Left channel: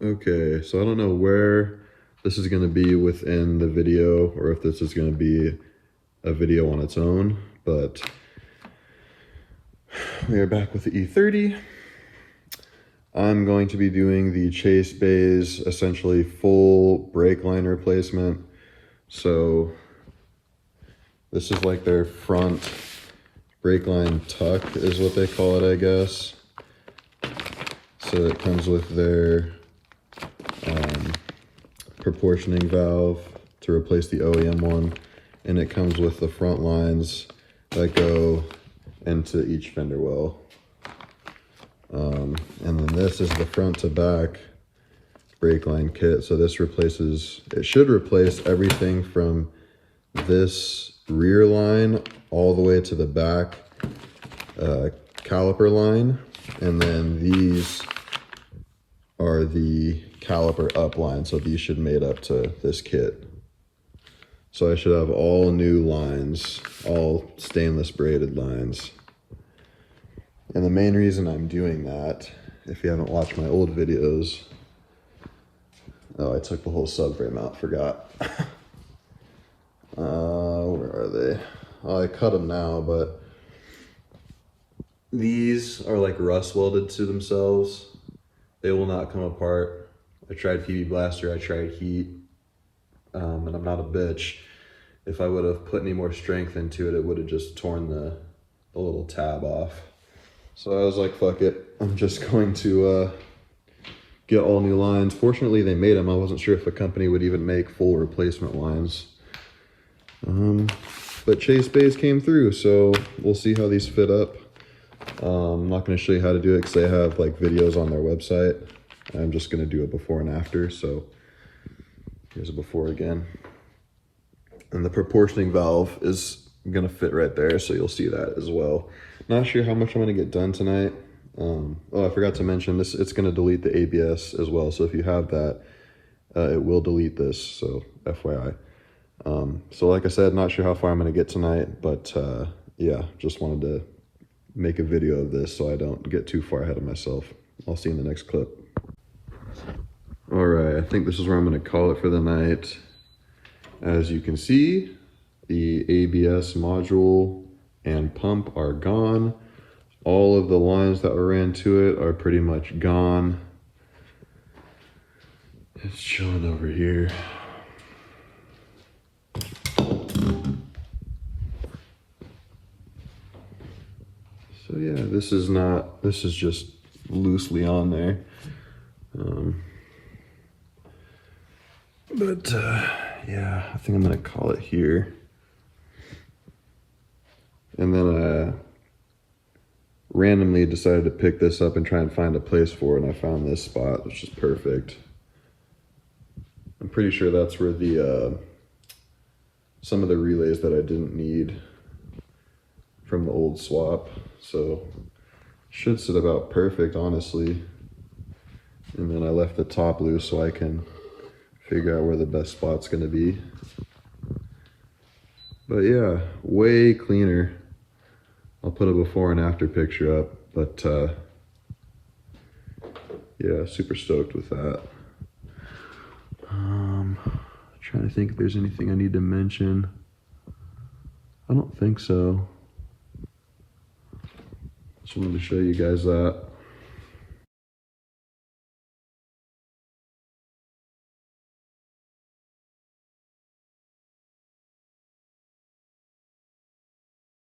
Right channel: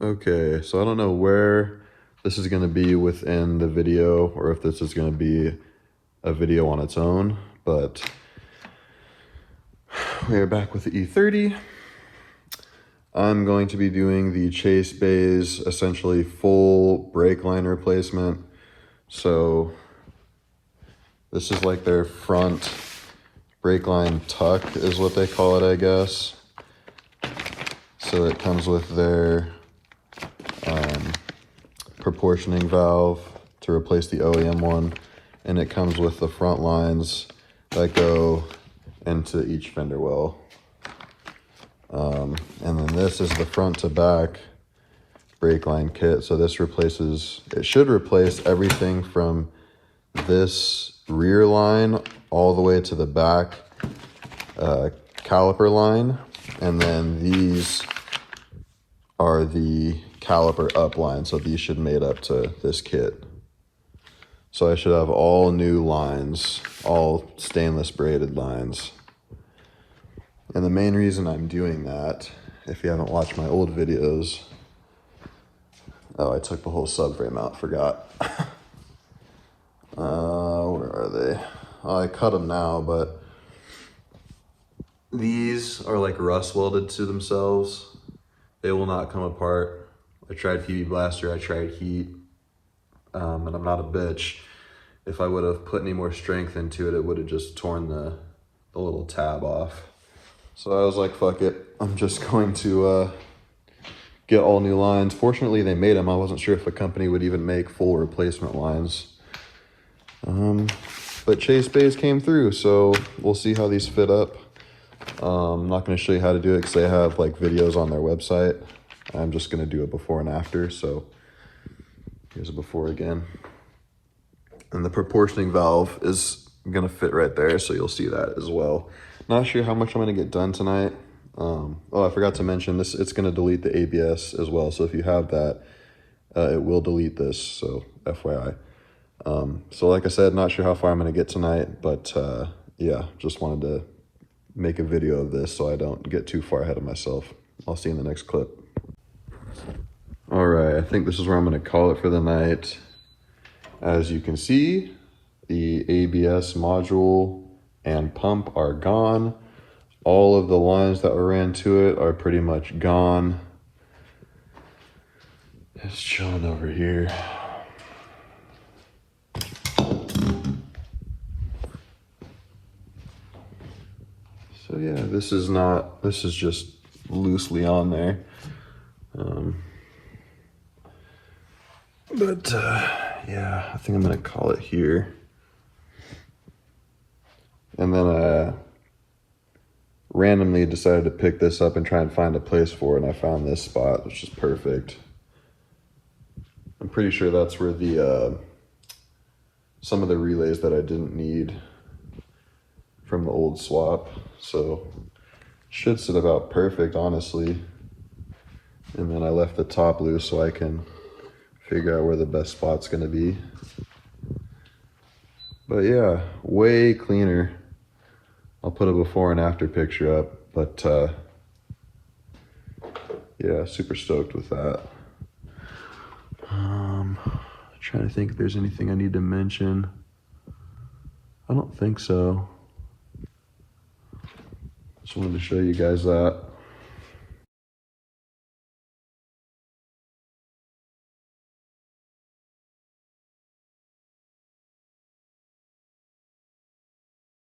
Okay, so I don't know where this is going to be within the video or if this is going to be a video on its own, but we are back with the E30. I'm going to be doing the Chase Bay's essentially full brake line replacement. So this is like their front brake line tuck is what they call it, I guess. So it comes with their proportioning valve to replace the OEM one, and it comes with the front lines that go into each fender well. And then this is the front to back brake line kit. So this replaces, it should replace everything from this rear line all the way to the back caliper line, and then these are the caliper up line, so these should mate up to this kit. So I should have all new lines, all stainless braided lines. And the main reason I'm doing that, if you haven't watched my old videos, oh, I took the whole subframe out, forgot. Where are they? Oh, I cut them now, but these are like rust welded to themselves. They will not come apart. I tried PB Blaster, I tried heat, and I'm not a bitch. If I would have put any more strength into it, it would have just torn the little tab off. So I was like, fuck it. I'm just going to get all new lines. Fortunately, they made them. I wasn't sure if the company would even make full replacement lines. But Chase Bay's came through, so we'll see how these fit up. I'm not going to show you how to do it because they have like videos on their website. I'm just going to do it before and after. So here's a before again. And the proportioning valve is going to fit right there, so you'll see that as well. Not sure how much I'm going to get done tonight. Oh, I forgot to mention this. It's going to delete the ABS as well. So if you have that, it will delete this. So FYI. So like I said, not sure how far I'm going to get tonight, but yeah, just wanted to make a video of this so I don't get too far ahead of myself. I'll see you in the next clip. All right, I think this is where I'm going to call it for the night. As you can see, the ABS module and pump are gone. All of the lines that were ran to it are pretty much gone. It's chilling over here. So yeah, this is just loosely on there. But yeah, I think I'm gonna call it here. And then I randomly decided to pick this up and try and find a place for it, and I found this spot, which is perfect. I'm pretty sure that's where the some of the relays that I didn't need from the old swap, so should sit about perfect, honestly. And then I left the top loose so I can figure out where the best spot's gonna be. But yeah, way cleaner. I'll put a before and after picture up, but yeah, super stoked with that. Trying to think if there's anything I need to mention. I don't think so. Just wanted to show you guys that.